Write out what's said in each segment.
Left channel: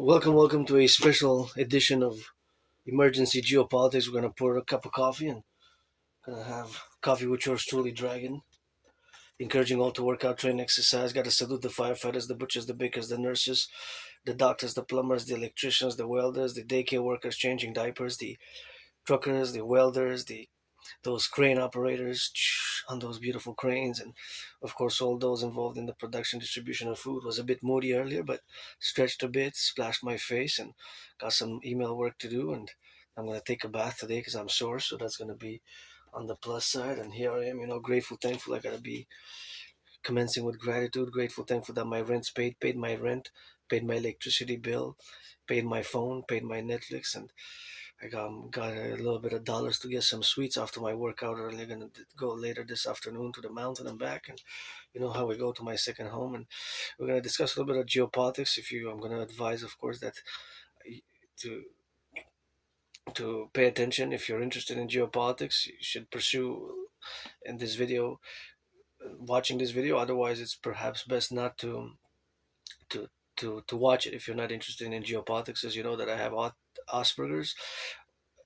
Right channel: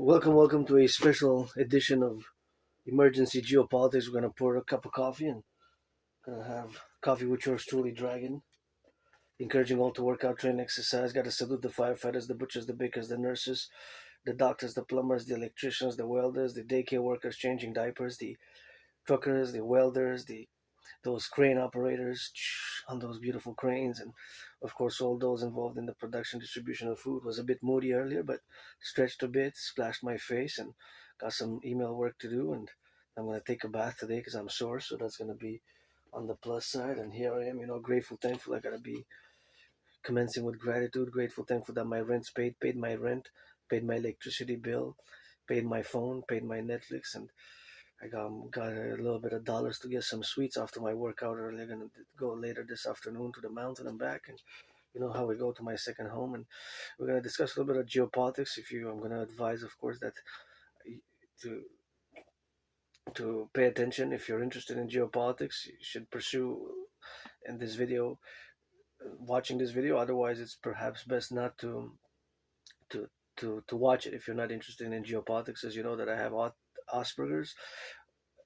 Welcome to a special edition of Emergency Geopolitiks. We're gonna pour a cup of coffee and gonna have coffee with yours truly, Dragon. Encouraging all to work out, train, exercise. Gotta salute the firefighters, the butchers, the bakers, the nurses, the doctors, the plumbers, the electricians, the welders, the daycare workers changing diapers, the truckers, the welders, the those crane operators on those beautiful cranes, and of course all those involved in the production distribution of food. Was a bit moody earlier, but stretched a bit, splashed my face, and got some email work to do. And I'm going to take a bath today because I'm sore, so that's going to be on the plus side. And here I am, grateful, thankful. I got to be commencing with gratitude, grateful, thankful that my rent's paid my rent, paid my electricity bill, paid my phone, paid my Netflix, and I got a little bit of dollars to get some sweets after my workout earlier. Gonna go later this afternoon to the mountain and back, and you know how we go to my second home, and we're gonna discuss a little bit of geopolitics. I'm gonna advise, of course, that to pay attention. If you're interested in geopolitics, you should pursue in this video, watching this video. Otherwise, it's perhaps best not to to watch it if you're not interested in geopolitics. As you know that I have Asperger's,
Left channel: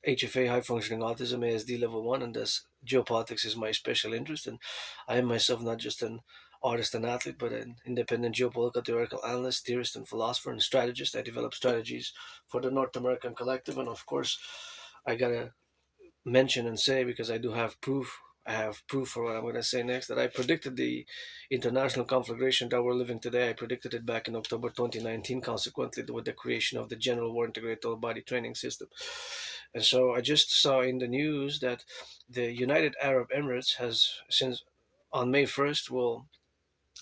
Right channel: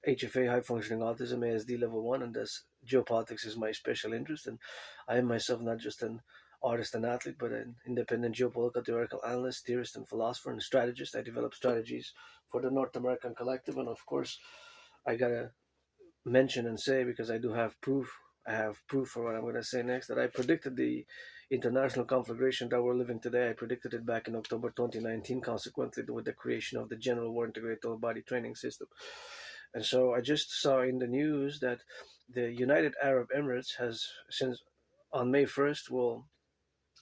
HFA, high functioning autism, ASD level 1, and thus geopolitics is my special interest. And I am myself not just an artist and athlete, but an independent geopolitical theoretical analyst, theorist, and philosopher and strategist. I develop strategies for the North American Collective, and of course, I gotta mention and say, because I do have proof. I have proof for what I'm going to say next, that I predicted the international conflagration that we're living today. I predicted it back in October 2019, consequently, with the creation of the General War Integrated All Body Training System. And so I just saw in the news that the United Arab Emirates has, since on May 1st, will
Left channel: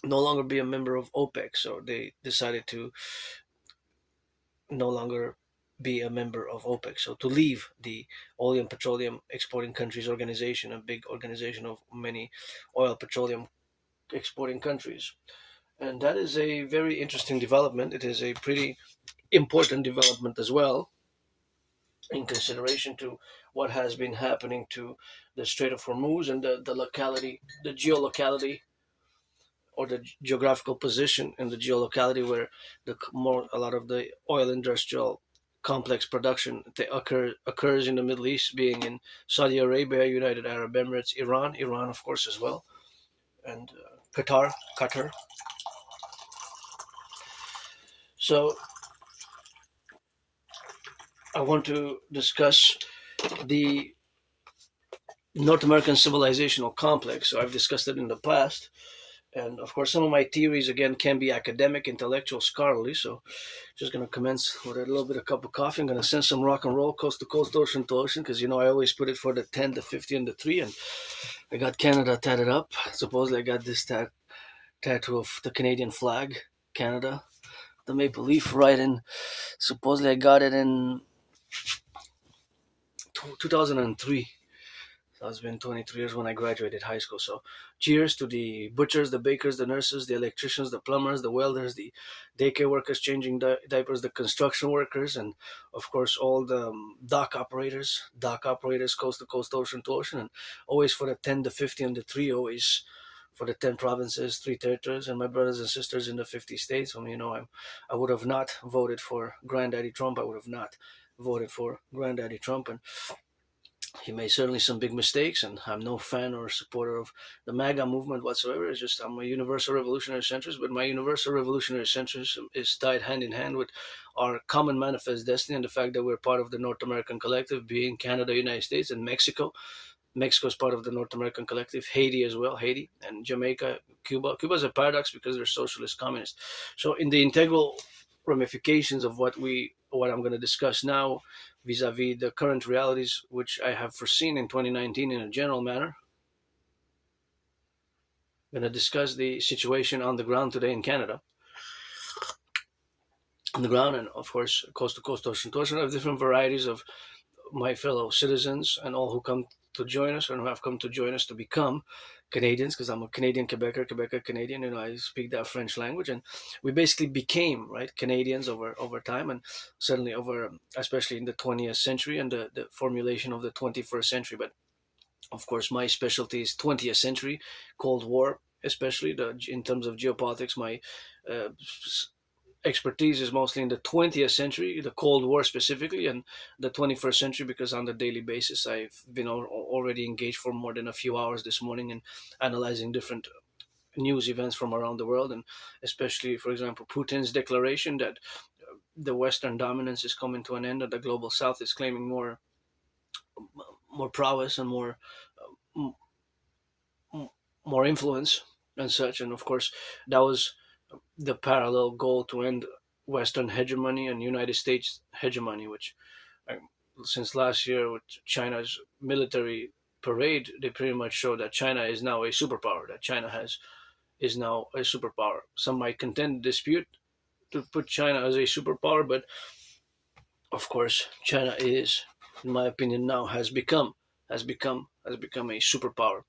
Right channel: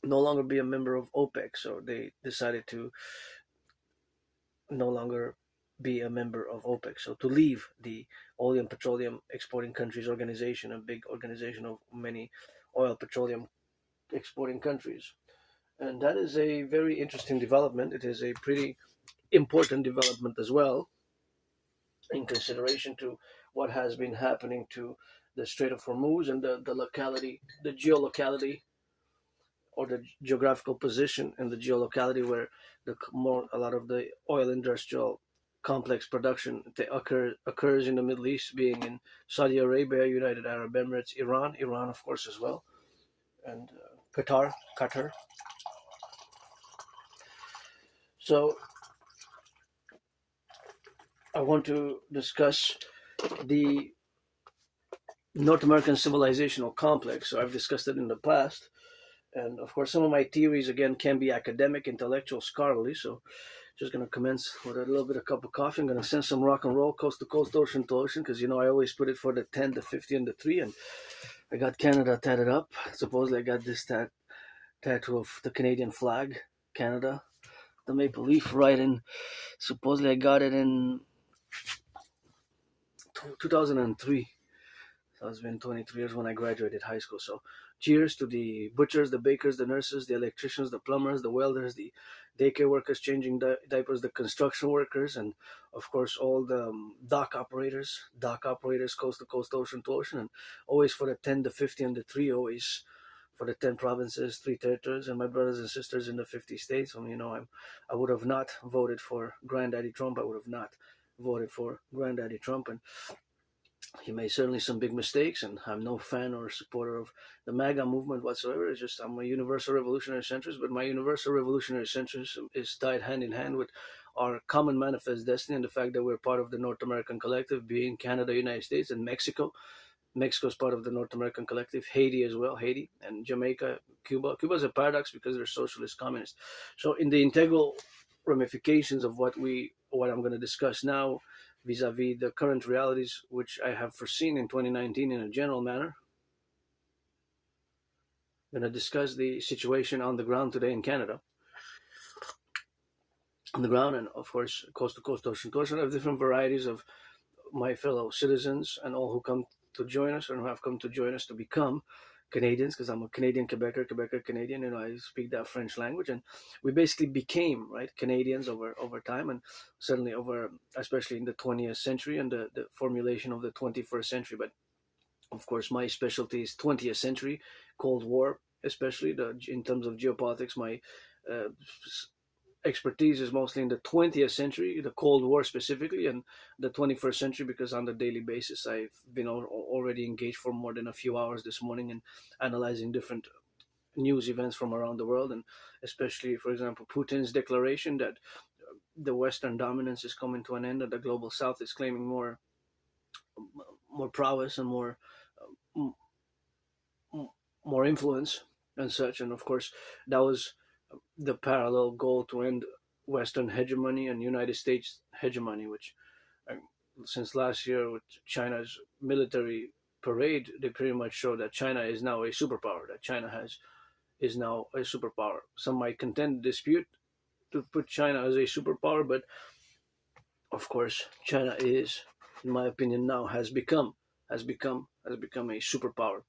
no longer be a member of OPEC. So they decided to no longer be a member of OPEC. So to leave the Oil and Petroleum Exporting Countries Organization, a big organization of many oil petroleum exporting countries. And that is a very interesting development. It is a pretty important development as well, in consideration to what has been happening to the Strait of Hormuz and the locality, the geolocality, or the geographical position in the geolocality where a lot of the oil industrial complex production occurs in the Middle East, being in Saudi Arabia, United Arab Emirates, Iran of course as well, and Qatar. So I want to discuss the North American civilizational complex. So I've discussed it in the past. And of course, some of my theories, again, can be academic, intellectual, scholarly. So just going to commence with a little bit of cup of coffee. I'm going to send some rock and roll coast to coast, ocean to ocean, because, I always put it for the 10, the 50, and the 3. And I got Canada tatted up. Supposedly I got this tattoo of the Canadian flag, Canada, the maple leaf right in. Supposedly I got it in 2003. So it's been 23 years when I graduated high school. So cheers to the butchers, the bakers, the nurses, the electricians, the plumbers, the welders, the daycare workers changing diapers, the construction workers, and of course all the dock operators, coast to coast, ocean to ocean, and always for the 10, the 50, and the 3, always for the 10 provinces, 3 territories, and my brothers and sisters in the 50 states. I would have not voted for Granddaddy Trump. I would have not voted for Granddaddy Trump, and he made certainly some big mistakes, and I'm no fan or supporter of the MAGA movement whatsoever. It's just I'm a universal revolutionary centrist, but my universal revolutionary centrism is tied hand in hand with our common manifest destiny and the fact that we're part of the North American collective, being Canada, United States, and Mexico. Mexico is part of the North American collective, Haiti as well, Haiti, and Jamaica, Cuba. Cuba is a paradox because they're socialist communist. So in the integral ramifications of what I'm going to discuss now, vis-a-vis the current realities which I have foreseen in 2019 in a general manner, I'm going to discuss the situation on the ground today in Canada. On the ground, and of course, coast to coast, ocean to ocean, of different varieties of my fellow citizens and all who come to join us and who have come to join us to become Canadians, because I'm a Canadian Quebecer Canadian, I speak that French language, and we basically became Canadians over time, and certainly over, especially in the 20th century and the formulation of the 21st century. But of course, my specialty is 20th century, Cold War, especially in terms of geopolitics. My expertise is mostly in the 20th century, the Cold War specifically, and the 21st century, because on the daily basis I've been already engaged for more than a few hours this morning in analyzing different news events from around the world, and especially, for example, Putin's declaration that the Western dominance is coming to an end, and the global South is claiming more prowess and m- more influence and such. And of course, that was the parallel goal to end Western hegemony and United States hegemony, which uh, since last year with China's military parade, they pretty much show that China is now a superpower. That China has is now a superpower. Some might contend dispute to put China as a superpower, but of course, China is, in my opinion, now has become a superpower.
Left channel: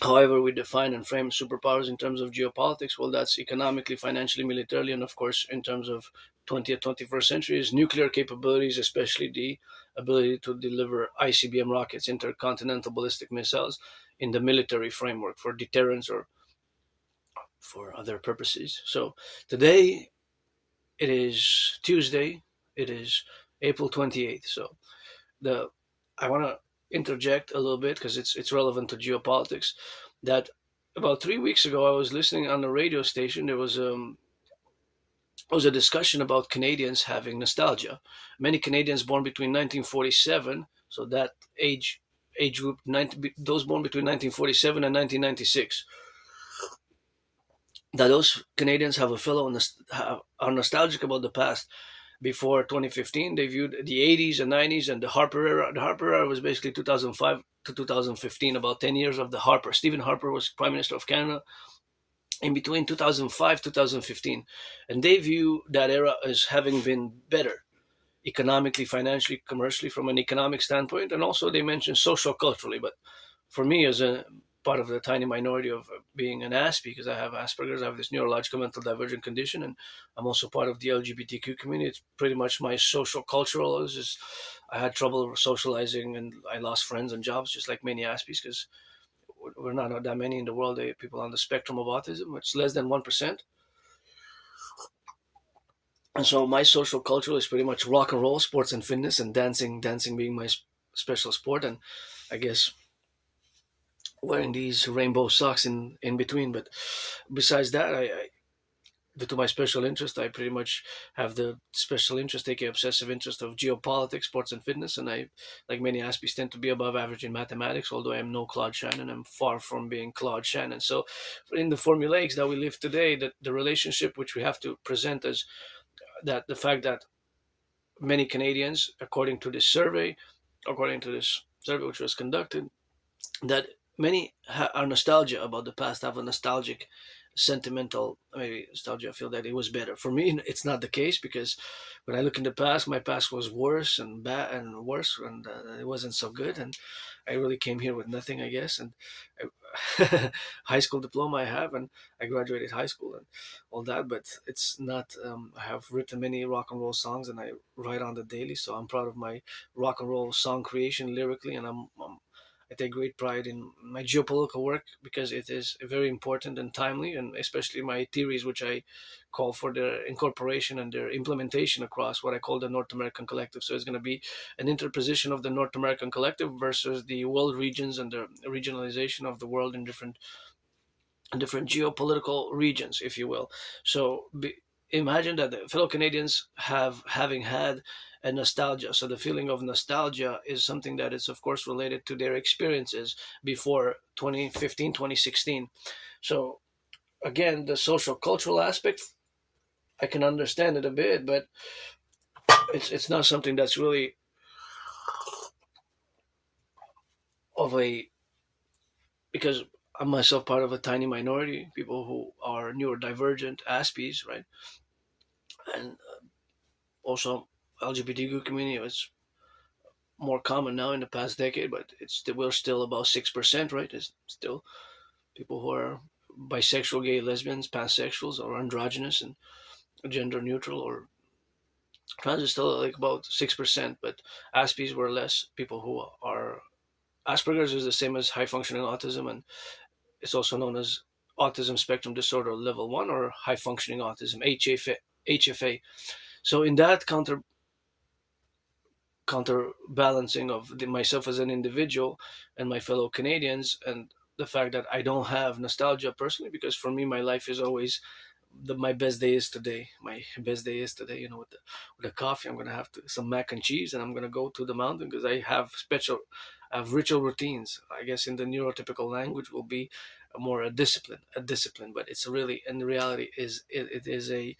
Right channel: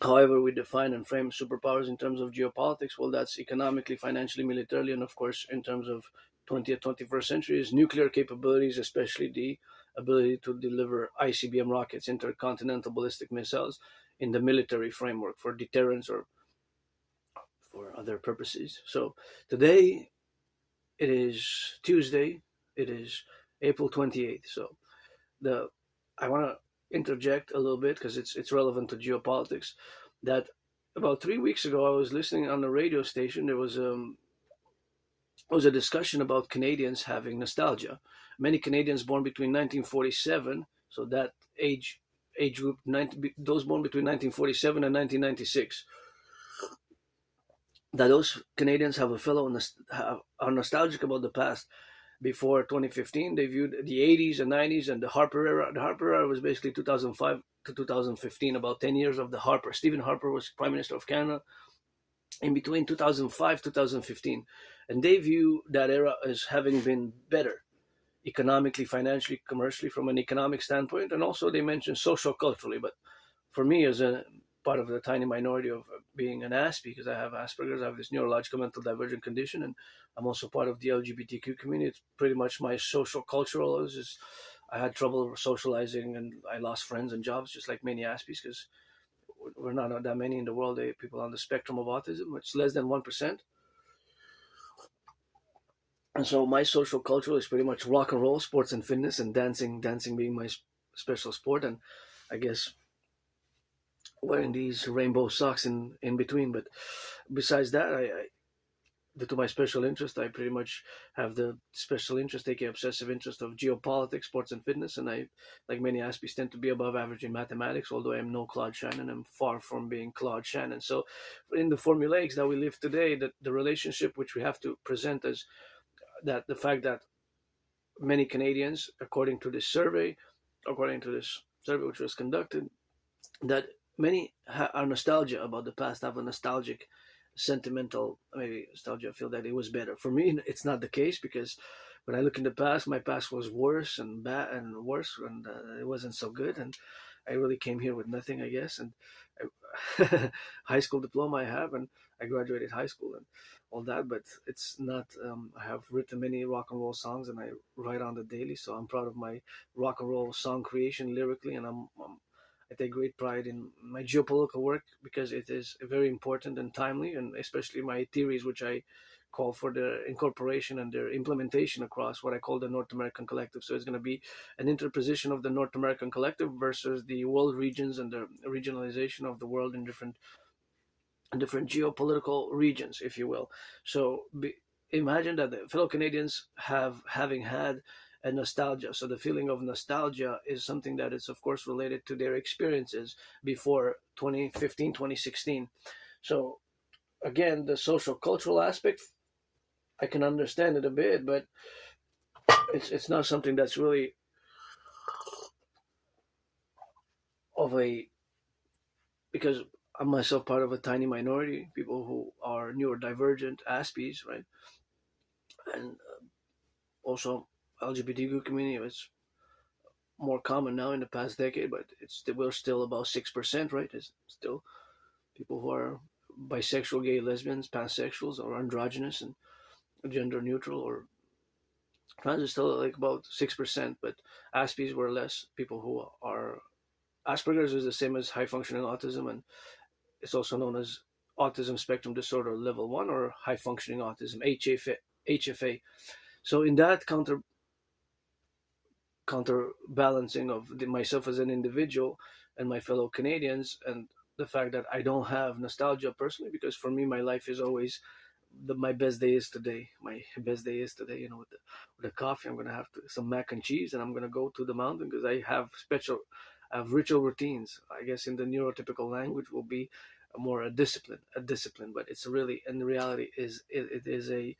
However, we define and frame superpowers in terms of geopolitics. Well, that's economically, financially, militarily, and of course, in terms of 20th, 21st centuries, nuclear capabilities, especially the ability to deliver ICBM rockets, intercontinental ballistic missiles, in the military framework for deterrence or for other purposes. So today it is Tuesday. It is April 28th. So the I want to interject a little bit because it's relevant to geopolitics. That about 3 weeks ago, I was listening on the radio station. There was a discussion about Canadians having nostalgia. Many Canadians born between 1947, so that age group, those born between 1947 and 1996, that those Canadians have a are nostalgic about the past. Before 2015, they viewed the 80s and 90s and the Harper era. The Harper era was basically 2005 to 2015, about 10 years of the Harper. Stephen Harper was Prime Minister of Canada in between 2005 2015, and they view that era as having been better economically, financially, commercially, from an economic standpoint, and also they mentioned social culturally. But for me, as a part of the tiny minority of being an Aspie, because I have Asperger's, I have this neurological mental divergent condition, and I'm also part of the LGBTQ community. It's pretty much my social cultural. Is just I had trouble socializing, and I lost friends and jobs, just like many Aspies, because we're not that many in the world. People on the spectrum of autism. It's less than 1%. And so my social culture is pretty much rock and roll, sports and fitness, and dancing. Dancing being my special sport, and I guess wearing these rainbow socks in between. But besides that, due to my special interest, I pretty much have the special interest, aka obsessive interest of geopolitics, sports and fitness, and I, like many Aspies, tend to be above average in mathematics. Although I am no Claude Shannon, I'm far from being Claude Shannon. So, in the formulaics that we live today, that the relationship which we have to present as that the fact that many Canadians, according to this survey which was conducted, that many are nostalgia about the past, have a nostalgic, sentimental, maybe nostalgia. I feel that it was better. For me, it's not the case because when I look in the past, my past was worse and bad and worse, and it wasn't so good. And I really came here with nothing, I guess. And high school diploma I have, and I graduated high school and all that. But it's not. I have written many rock and roll songs, and I write on the daily. So I'm proud of my rock and roll song creation lyrically, and I take great pride in my geopolitical work because it is very important and timely, and especially my theories, which I call for their incorporation and their implementation across what I call the North American Collective. So it's going to be an interposition of the North American Collective versus the world regions and the regionalization of the world in different geopolitical regions, if you will. So imagine that the fellow Canadians having had a nostalgia. So the feeling of nostalgia is something that is, of course, related to their experiences before 2015, 2016. So again, the social cultural aspect, I can understand it a bit, but it's not something that's really of a because I'm myself part of a tiny minority, people who are neurodivergent, Aspies, right? And also LGBTQ community is more common now in the past decade, but we're still about 6%, right? It's still people who are bisexual, gay, lesbians, pansexuals, or androgynous and gender neutral, or trans is still like about 6%, but Aspies were less. People who are Asperger's is the same as high functioning autism, and it's also known as autism spectrum disorder level 1 or high functioning autism, HFA. So in that counterbalancing of myself as an individual and my fellow Canadians, and the fact that I don't have nostalgia personally, because for me my life is always my best day is today. My best day is today. With the coffee, I'm gonna have some mac and cheese, and I'm gonna go to the mountain because I have ritual routines. I guess in the neurotypical language will be a discipline. But it's really, in reality, it is a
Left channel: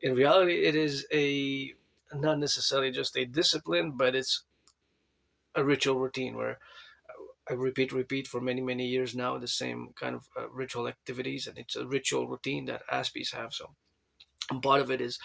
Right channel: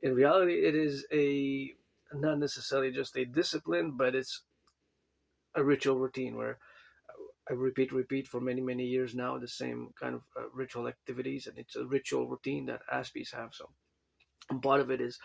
in reality it is a not necessarily just a discipline, but it's a ritual routine where I repeat for many years now the same kind of ritual activities, and it's a ritual routine that Aspies have. So and part of it is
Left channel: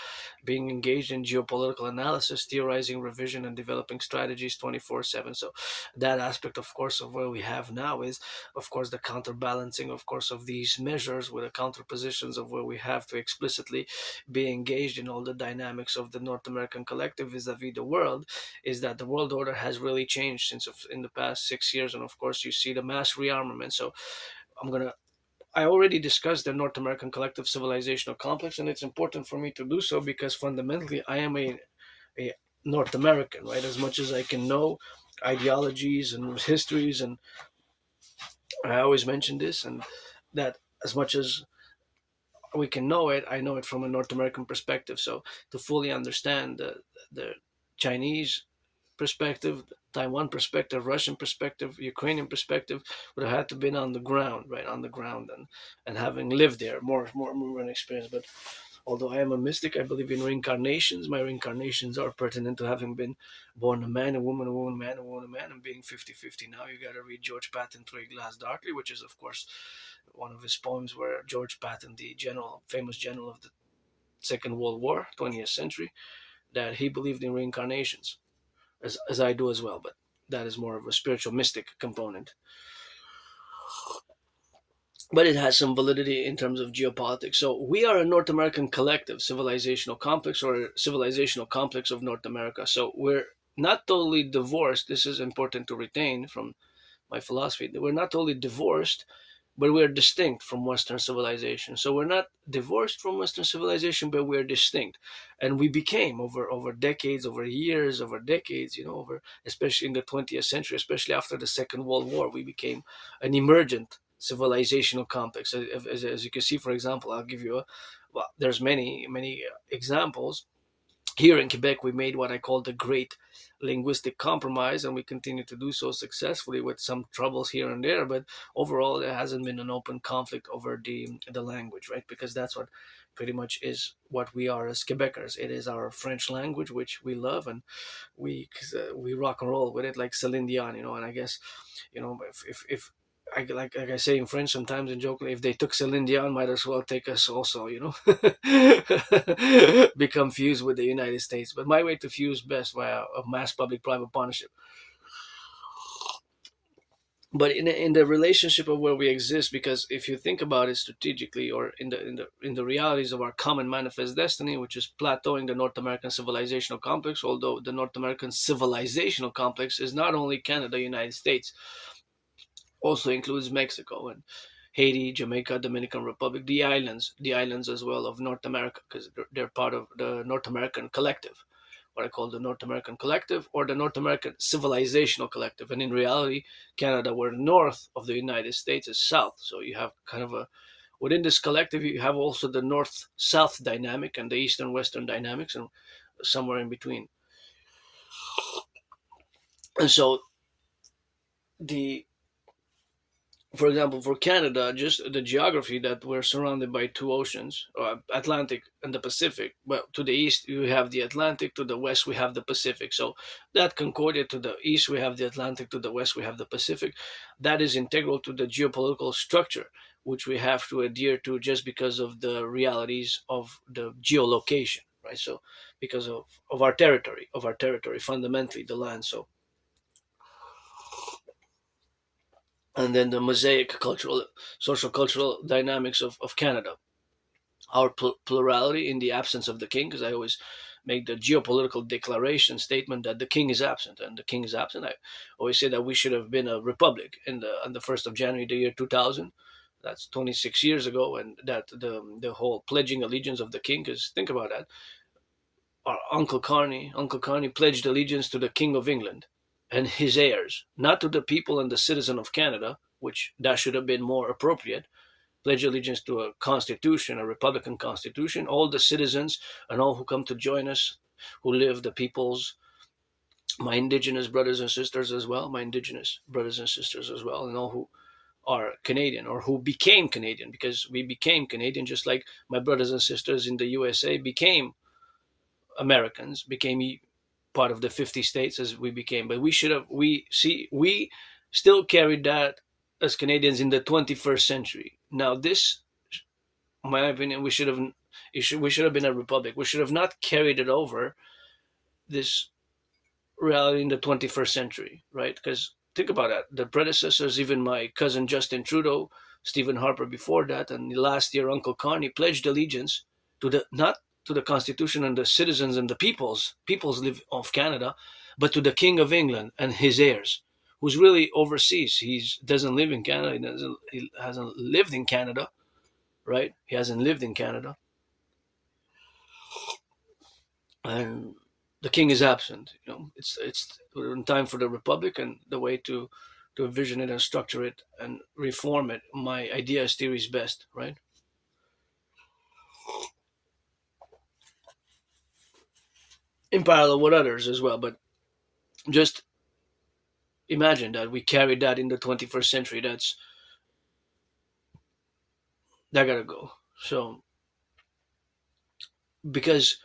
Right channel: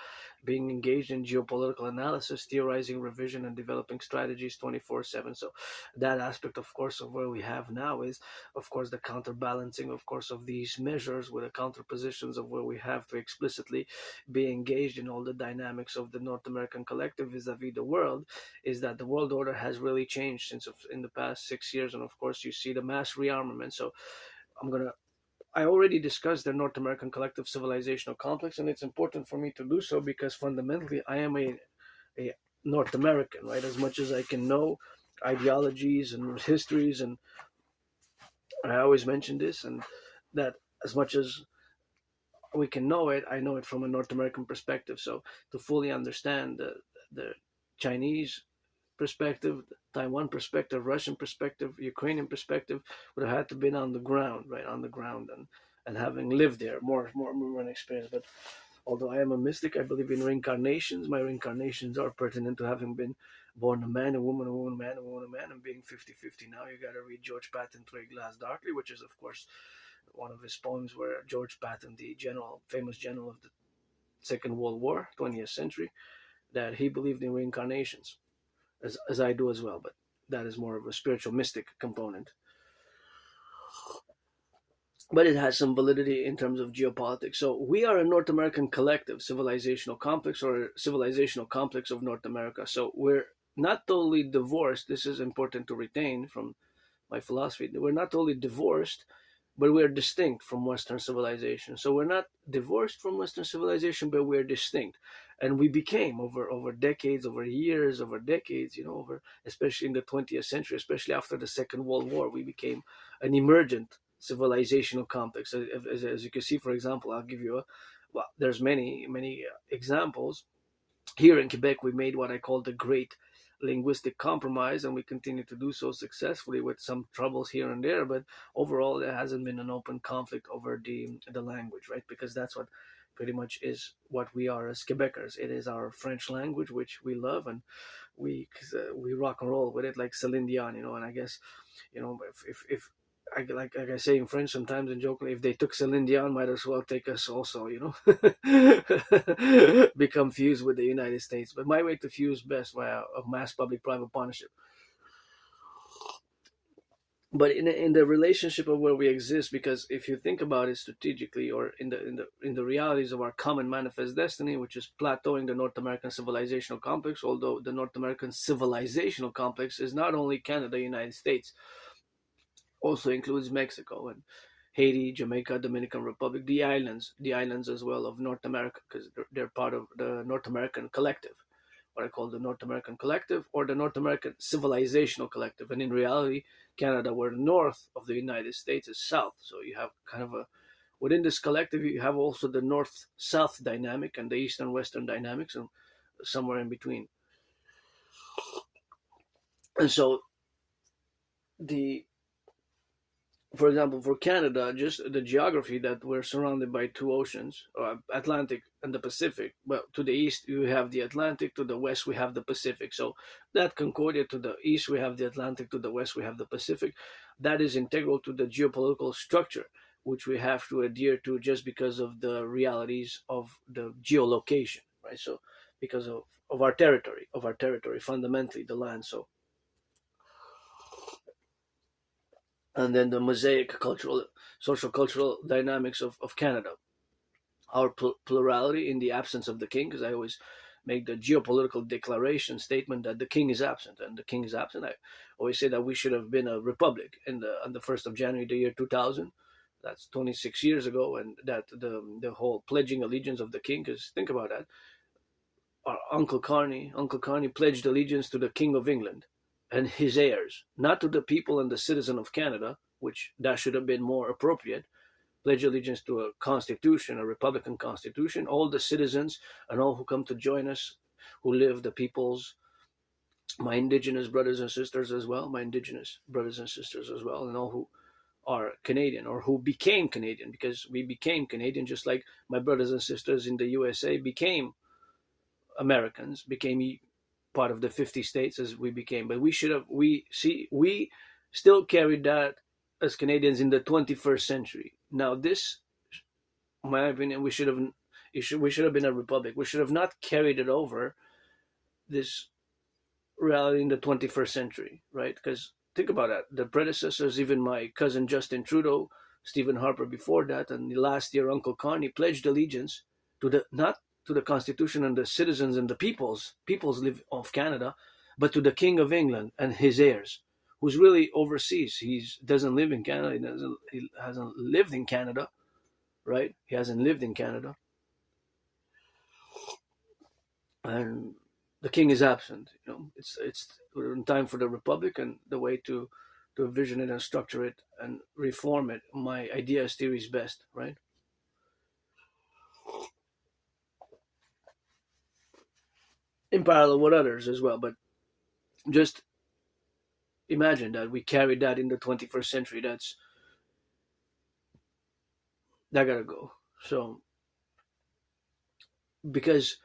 being engaged in geopolitical analysis, theorizing, revision, and developing strategies 24/7. So that aspect, of course, of where we have now is, of course, the counterbalancing, of course, of these measures with the counterpositions of where we have to explicitly be engaged in all the dynamics of the North American collective vis-a-vis the world, is that the world order has really changed since in the past 6 years. And of course, you see the mass rearmament. So I'm going to I already discussed the North American collective civilizational complex, and it's important for me to do so because fundamentally I am a North American, right? As much as I can know ideologies and histories, and I always mention this, and that as much as we can know it, I know it from a North American perspective. So to fully understand the Chinese perspective, Taiwan perspective, Russian perspective, Ukrainian perspective, would have had to been on the ground, right, on the ground, and having lived there, more movement experience. But although I am a mystic, I believe in reincarnations. My reincarnations are pertinent to having been born a man, a woman, man, a woman, a man, and being 50-50 now. You got to read George Patton, Through a Glass Darkly, which is, of course, one of his poems where George Patton, the famous general of the Second World War, 20th century, that he believed in reincarnations as I do as well, but that is more of a spiritual mystic component. But it has some validity in terms of geopolitics. So we are a North American collective, civilizational complex, or civilizational complex of North America. So we're not totally divorced. This is important to retain from my philosophy. We're not totally divorced, but we are distinct from Western civilization. So we're not divorced from Western civilization, but we're distinct. And we became over decades, over years, over decades, over especially in the 20th century, especially after the Second World War, we became an emergent civilizational complex. As you can see, for example, I'll give you there's many examples. Here in Quebec, we made what I call the Great Linguistic Compromise, and we continue to do so successfully with some troubles here and there. But overall, there hasn't been an open conflict over the language, right? Because that's what pretty much is what we are as Quebecers. It is our French language, which we love, and we rock and roll with it like Celine Dion, And I guess, if like I say in French sometimes and jokingly, if they took Celine Dion, might as well take us also, become fused with the United States. But my way to fuse best via a mass public-private partnership. But in the relationship of where we exist, because if you think about it strategically, or in the realities of our common manifest destiny, which is plateauing the North American civilizational complex, although the North American civilizational complex is not only Canada, United States, also includes Mexico and Haiti, Jamaica, Dominican Republic, the islands as well of North America, because they're part of the North American collective, what I call the North American collective, or the North American civilizational collective. And in reality, Canada, where north of the United States is south. So you have kind of within this collective, you have also the north-south dynamic and the eastern-western dynamics, and somewhere in between. And so for example, for Canada, just the geography that we're surrounded by two oceans, Atlantic and the Pacific. Well, to the east, we have the Atlantic. To the west, we have the Pacific. So that Concordia, to the east, we have the Atlantic. To the west, we have the Pacific. That is integral to the geopolitical structure, which we have to adhere to just because of the realities of the geolocation, right? So because of our territory, fundamentally the land. So, and then the mosaic social cultural dynamics of Canada. Our plurality in the absence of the king, because I always make the geopolitical declaration statement that the king is absent, and the king is absent. I always say that we should have been a republic on the 1st of January, the year 2000. That's 26 years ago, and that the whole pledging allegiance of the king. Because think about that, our Uncle Carney pledged allegiance to the King of England and his heirs, not to the people and the citizen of Canada, which that should have been more appropriate. Pledge allegiance to a constitution, a republican constitution, all the citizens and all who come to join us, who live, the peoples, my indigenous brothers and sisters as well, my indigenous brothers and sisters as well, and all who are Canadian or who became Canadian, because we became Canadian just like my brothers and sisters in the USA became Americans, became part of the 50 states as we became. But we should have, we still carried that as Canadians in the 21st century. Now, this, in my opinion, we should have been a republic. We should have not carried it over this reality in the 21st century, right? Because think about that. The predecessors, even my cousin Justin Trudeau, Stephen Harper before that, and last year Uncle Carney pledged allegiance to the not to the Constitution and the citizens and the peoples live of Canada, but to the King of England and his heirs, who's really overseas. He doesn't live in Canada. He hasn't lived in Canada, right? He hasn't lived in Canada, and the king is absent. It's time for the republic, and the way to envision it and structure it and reform it. My idea is theory is best, right? In parallel with others as well, but just imagine that we carried that in the 21st century. That gotta go. So because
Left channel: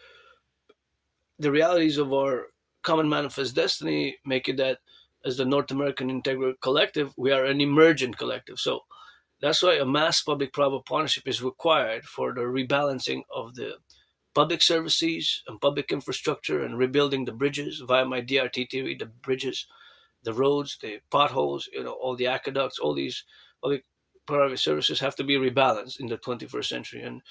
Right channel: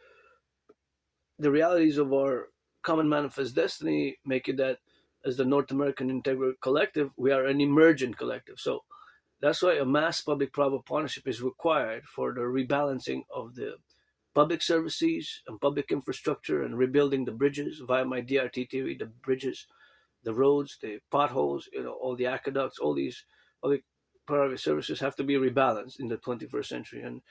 the realities of our common manifest destiny make it that as the North American Integree Collective, we are an emergent collective. So that's why a mass public-private partnership is required for the rebalancing of the public services and public infrastructure and rebuilding the bridges via my DRT theory, the bridges, the roads, the potholes, all the aqueducts, all these public private services have to be rebalanced in the 21st century. And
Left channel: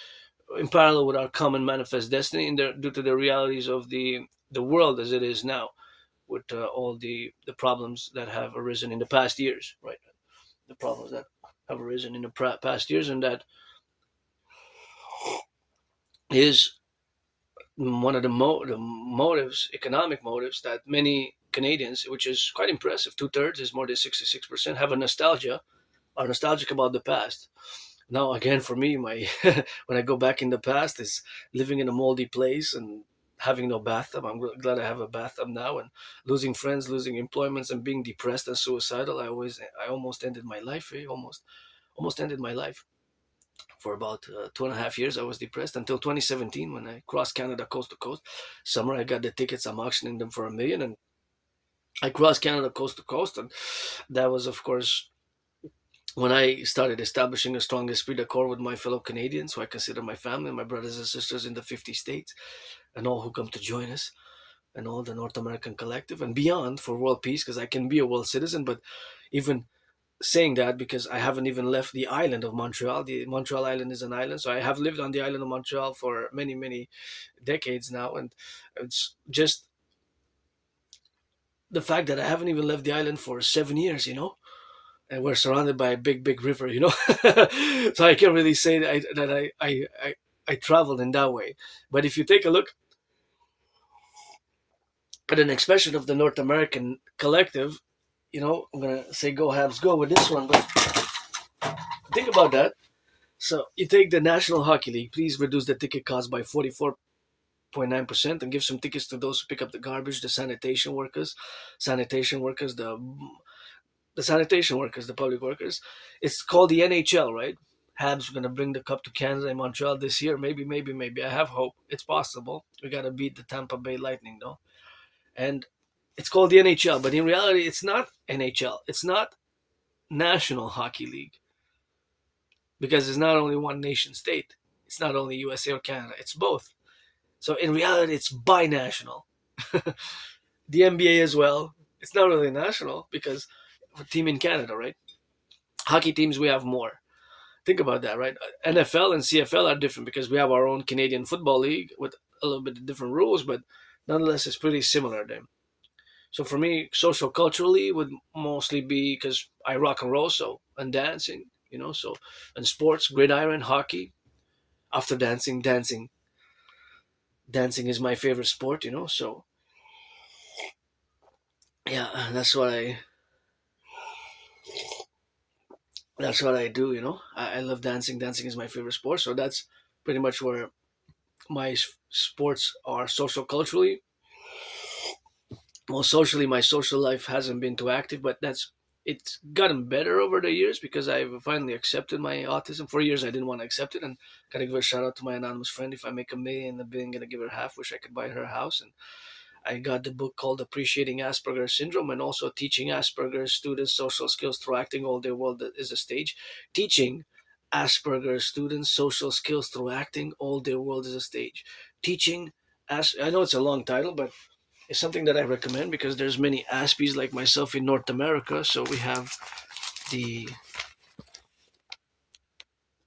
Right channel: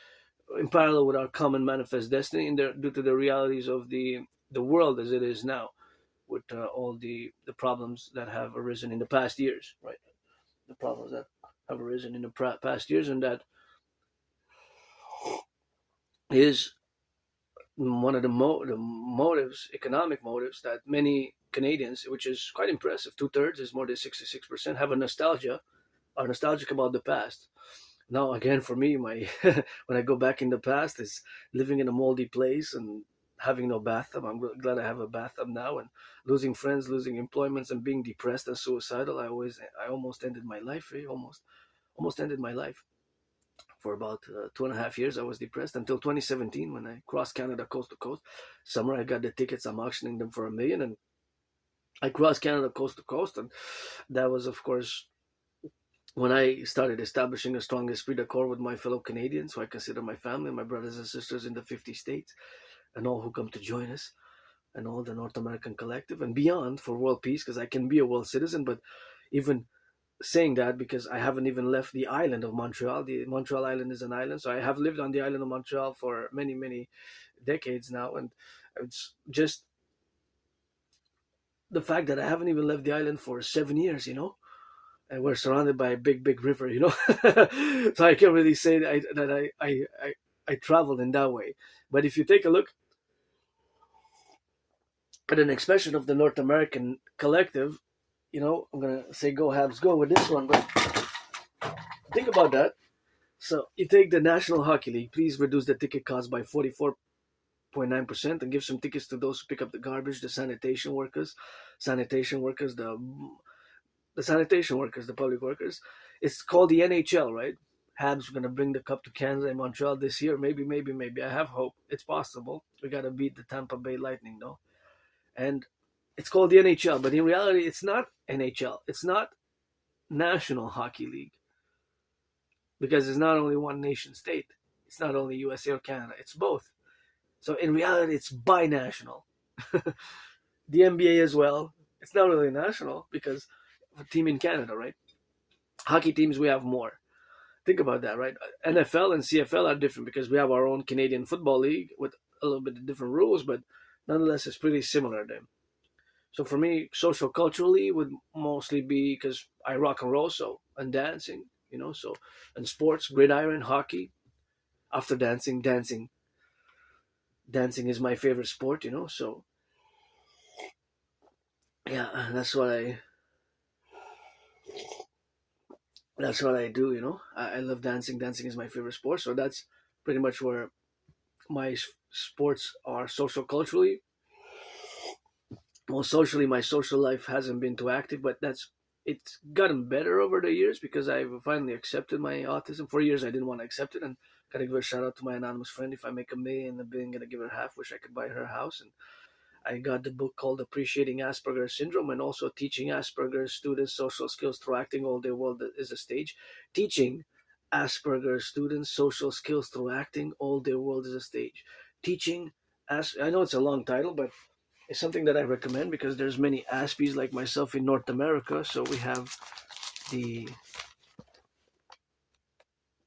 in parallel with our common manifest destiny, and due to the realities of the world as it is now, with all the problems that have arisen in the past years, right? The problems that have arisen in the past years, and that is one of the motives, economic motives, that many Canadians, which is quite impressive, 2/3 is more than 66%, have are nostalgic about the past. Now, again, for me, my when I go back in the past, is living in a moldy place and having no bathtub. I'm glad I have a bathtub now, and losing friends, losing employments, and being depressed and suicidal. I almost ended my life. Almost ended my life. For about 2.5 years, I was depressed until 2017 when I crossed Canada coast to coast. Summer, I got the tickets. I'm auctioning them for $1 million, and I crossed Canada coast to coast, and that was, of course, when I started establishing a strong esprit de corps with my fellow Canadians, who I consider my family, my brothers and sisters in the 50 states, and all who come to join us, and all the North American Collective and beyond for world peace, because I can be a world citizen. But even saying that, because I haven't even left the island of Montreal. The Montreal Island is an island, so I have lived on the island of Montreal for many, many decades now, and it's just the fact that I haven't even left the island for 7 years, and we're surrounded by a big, big river, so I can't really say that I traveled in that way. But if you take a look at an expression of the North American Collective, I'm gonna say go Habs go with this one, but think about that. So you take the National Hockey League, please reduce the ticket cost by 44.9% and give some tickets to those who pick up the garbage, the sanitation workers, the public workers. It's called the NHL, right? Habs are going to bring the cup to Canada and Montreal this year. Maybe, maybe, maybe. I have hope. It's possible. We got to beat the Tampa Bay Lightning, though. And it's called the NHL, but in reality, it's not NHL. It's not National Hockey League, because it's not only one nation state. It's not only USA or Canada. It's both. So in reality, it's binational. The NBA as well. It's not really national because a team in Canada, right? Hockey teams, we have more. Think about that, right? NFL and CFL are different because we have our own Canadian Football League with a little bit of different rules, but nonetheless, it's pretty similar then. So for me, social culturally would mostly be because I rock and roll, so and dancing, So, and sports, gridiron, hockey. After dancing is my favorite sport. So yeah, that's what I do. I love dancing. Dancing is my favorite sport. So that's pretty much where my sports are social culturally. Well, socially, my social life hasn't been too active, but it's gotten better over the years because I've finally accepted my autism. For years, I didn't want to accept it, and gotta give a shout out to my anonymous friend. If I make $1 million, I'm gonna give her half. Wish I could buy her a house. And I got the book called Appreciating Asperger's Syndrome and also Teaching Asperger's Students Social Skills Through Acting All Their World is a Stage. Teaching Asperger's Students Social Skills Through Acting All Their World is a Stage. Teaching I know it's a long title, but it's something that I recommend because there's many Aspies like myself in North America. So we have the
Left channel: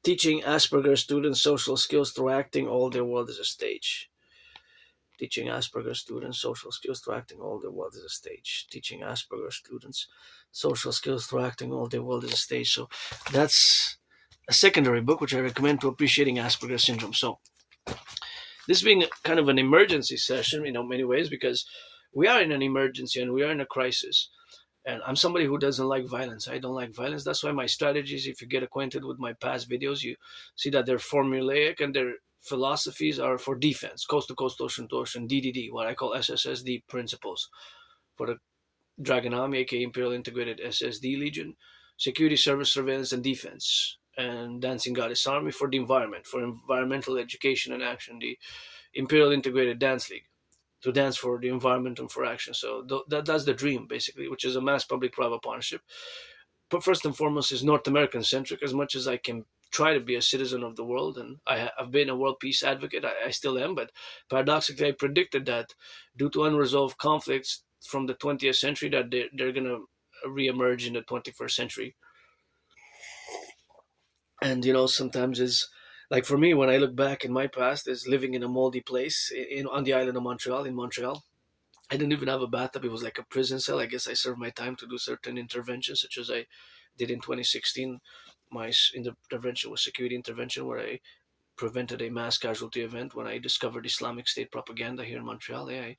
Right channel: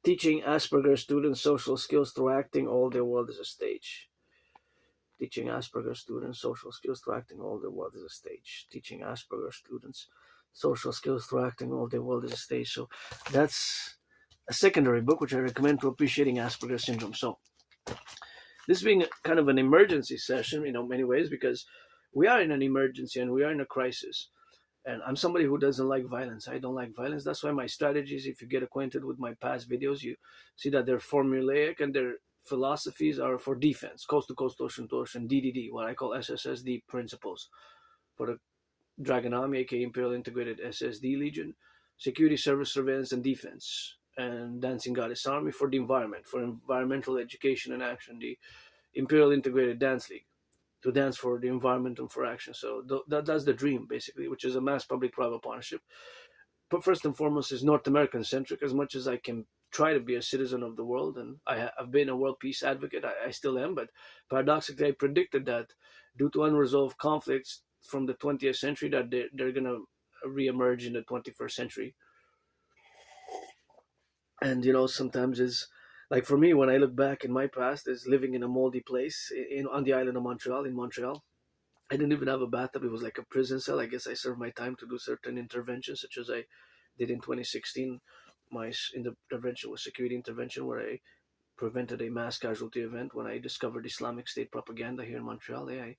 Teaching Asperger's Students Social Skills Through Acting All Their World is a Stage. Teaching Asperger's students social skills through acting all their world is a stage. Teaching Asperger's students social skills through acting all their world is a stage. So that's a secondary book which I recommend to appreciating Asperger's syndrome. So this being kind of an emergency session, many ways because we are in an emergency and we are in a crisis. And I'm somebody who doesn't like violence. I don't like violence. That's why my strategies, if you get acquainted with my past videos, you see that they're formulaic and their philosophies are for defense, coast to coast, ocean to ocean, DDD, what I call SSSD principles for the Dragon Army, aka Imperial Integrated SSD Legion, security, service, surveillance, and defense. And Dancing Goddess Army for the environment, for environmental education and action, the Imperial Integrated Dance League to dance for the environment and for action. So that's the dream, basically, which is a mass public-private partnership. But first and foremost, is North American centric. As much as I can try to be a citizen of the world, and I've been a world peace advocate, I still am. But paradoxically, I predicted that due to unresolved conflicts from the 20th century, that they're gonna reemerge in the 21st century. And sometimes is like for me when I look back in my past is living in a moldy place on the island of Montreal in Montreal. I didn't even have a bathtub. It was like a prison cell. I guess I served my time to do certain interventions, such as I did in 2016. My intervention was security intervention, where I prevented a mass casualty event when I discovered Islamic State propaganda here in Montreal. I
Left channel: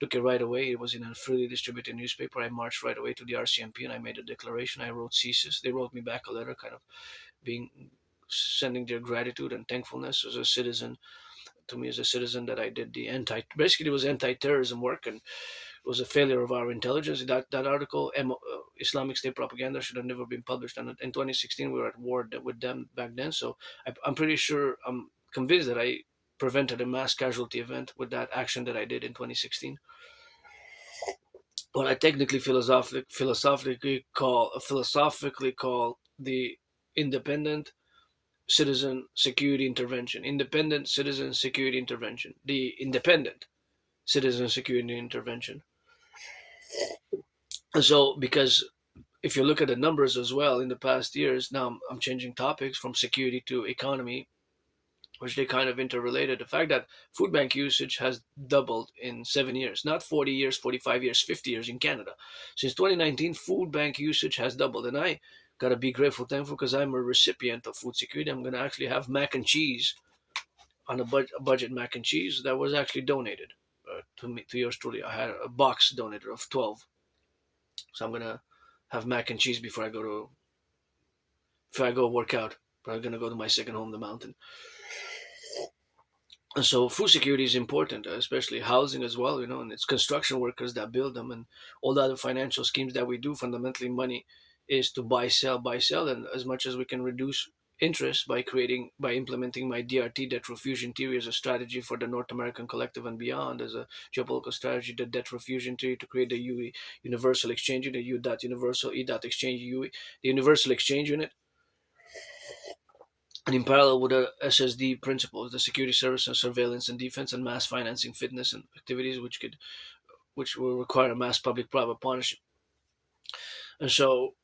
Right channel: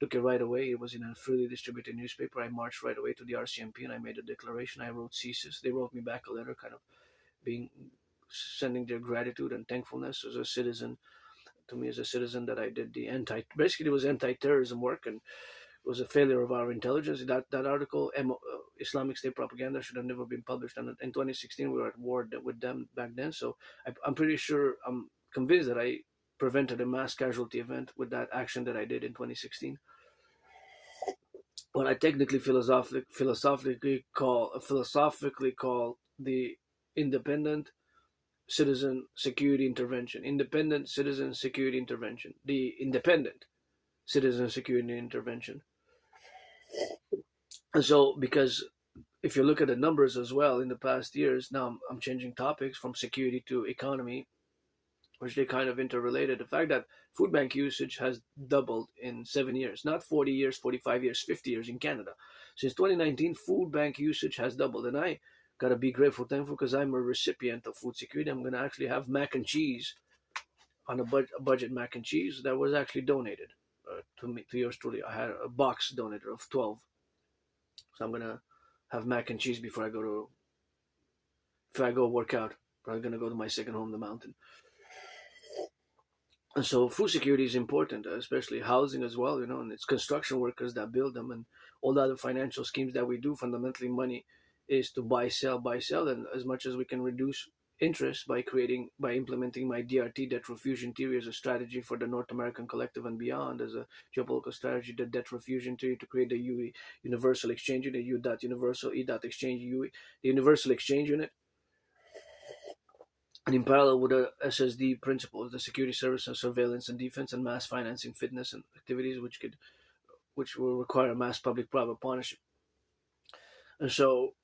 took it right away. It was in a freely distributed newspaper. I marched right away to the RCMP and I made a declaration. I wrote thesis. They wrote me back a letter, kind of being sending their gratitude and thankfulness as a citizen to me as a citizen that I did the basically it was anti-terrorism work and it was a failure of our intelligence. That article, Islamic State propaganda, should have never been published. And in 2016, we were at war with them back then. So I'm pretty sure, I'm convinced that I prevented a mass casualty event with that action that I did in 2016. What I technically philosophically call the independent citizen security intervention. Independent citizen security intervention. The independent citizen security intervention. And so, because if you look at the numbers as well in the past years, now I'm changing topics from security to economy, which they kind of interrelated. The fact that food bank usage has doubled in 7 years, not 40 years, 45 years, 50 years in Canada. Since 2019, food bank usage has doubled. And I gotta be grateful, thankful, because I'm a recipient of food security. I'm gonna actually have mac and cheese on a budget mac and cheese that was actually donated to me, to yours truly. I had a box donated of 12. So I'm gonna have mac and cheese before I go work out. Probably gonna go to my second home, the mountain. And so food security is important, especially housing as well, and it's construction workers that build them and all the other financial schemes that we do. Fundamentally, money is to buy, sell, and as much as we can reduce interest by implementing my DRT debt refusion theory as a strategy for the North American collective and beyond, as a geopolitical strategy, the debt refusion theory to create the universal exchange unit, U dot universal, E dot exchange UE, the universal exchange unit. And in parallel with the SSD principles, the security service and surveillance and defense and mass financing fitness and activities which will require mass public-private partnership. And so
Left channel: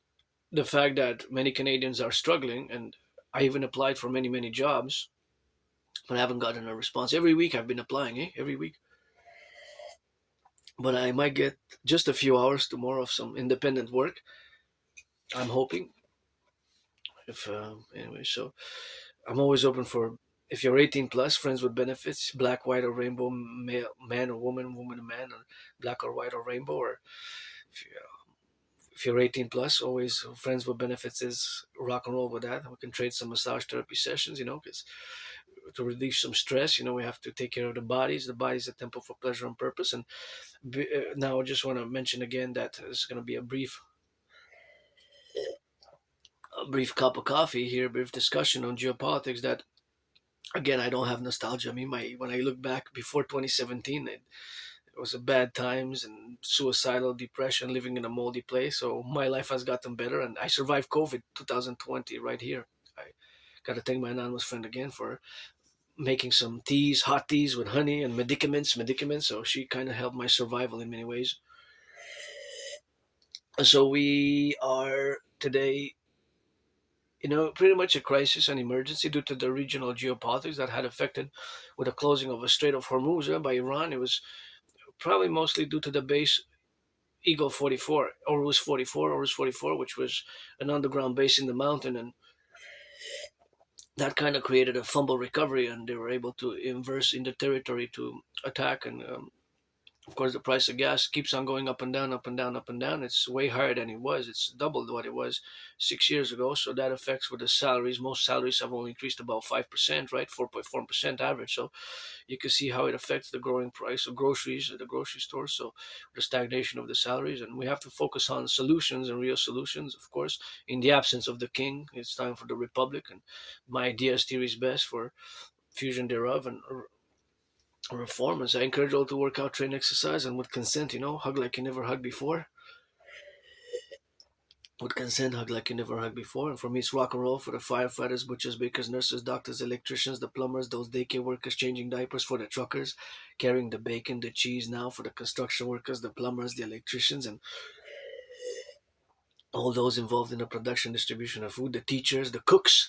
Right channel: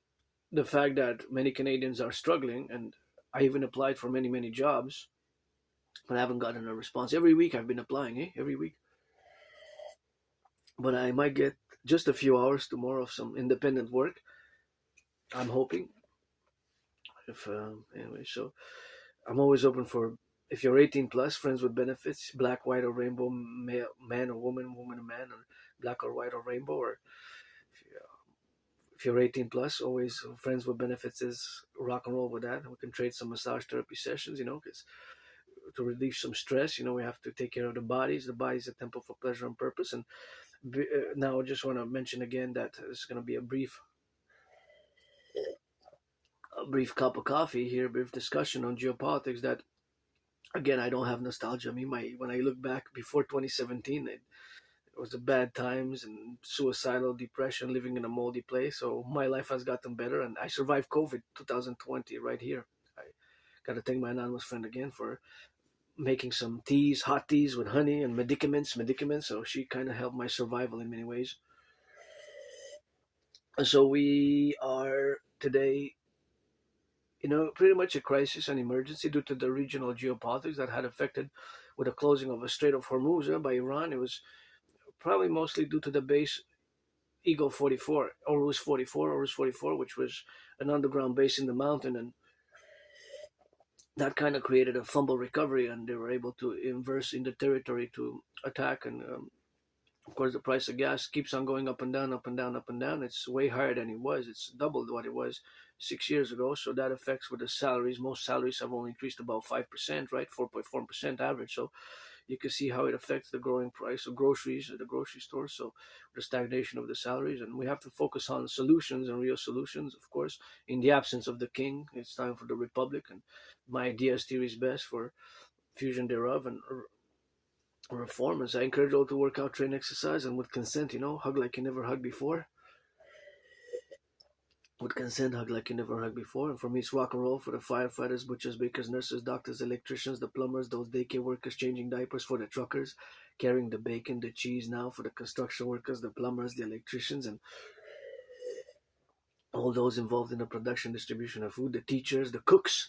the fact that many Canadians are struggling, and I even applied for many jobs, but I haven't gotten a response. Every week I've been applying, every week. But I might get just a few hours tomorrow of some independent work. I'm hoping. If anyway, so I'm always open for, if you're 18 plus, friends with benefits, black, white, or rainbow, male, man or woman, woman or man, or black or white or rainbow, or if, you, if you're 18 plus, always friends with benefits is rock and roll with that. We can trade some massage therapy sessions, because to relieve some stress, we have to take care of the bodies. The body's a temple for pleasure and purpose. And now I just want to mention again that this is going to be a brief cup of coffee here, a brief discussion on geopolitics. That again, I don't have nostalgia. I mean, when I look back before 2017, it was a bad times and suicidal depression, living in a moldy place. So my life has gotten better, and I survived COVID 2020 right here. I got to thank my anonymous friend again for making some teas, hot teas with honey and medicaments. So she kind of helped my survival in many ways. And so we are today, pretty much a crisis and emergency due to the regional geopolitics that had affected with the closing of the Strait of Hormuz by Iran. It was probably mostly due to the base Eagle 44, Horus 44, which was an underground base in the mountain, and that kind of created a fumble recovery, and they were able to inverse in the territory to attack. And of course, the price of gas keeps on going up and down, up and down, up and down. It's way higher than it was. It's doubled what it was 6 years ago. So that affects with the salaries. Most salaries have only increased about 5%, right? 4.4% average. So you can see how it affects the growing price of groceries at the grocery store. So the stagnation of the salaries, and we have to focus on solutions and real solutions. Of course, in the absence of the king, it's time for the republic, and my idea is theory is best for fusion thereof and reformers. I encourage all to work out, train, exercise, and with consent, hug like you never hugged before. With consent, hug like you never hugged before. And for me, it's rock and roll for the firefighters, butchers, bakers, nurses, doctors, electricians, the plumbers, those daycare workers changing diapers, for the truckers carrying the bacon, the cheese now, for the construction workers, the plumbers, the electricians, and all those involved in the production, distribution of food, the teachers, the cooks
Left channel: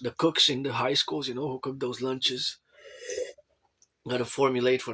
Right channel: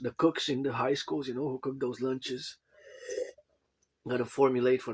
in the high schools, who cook those lunches. Got to formulate for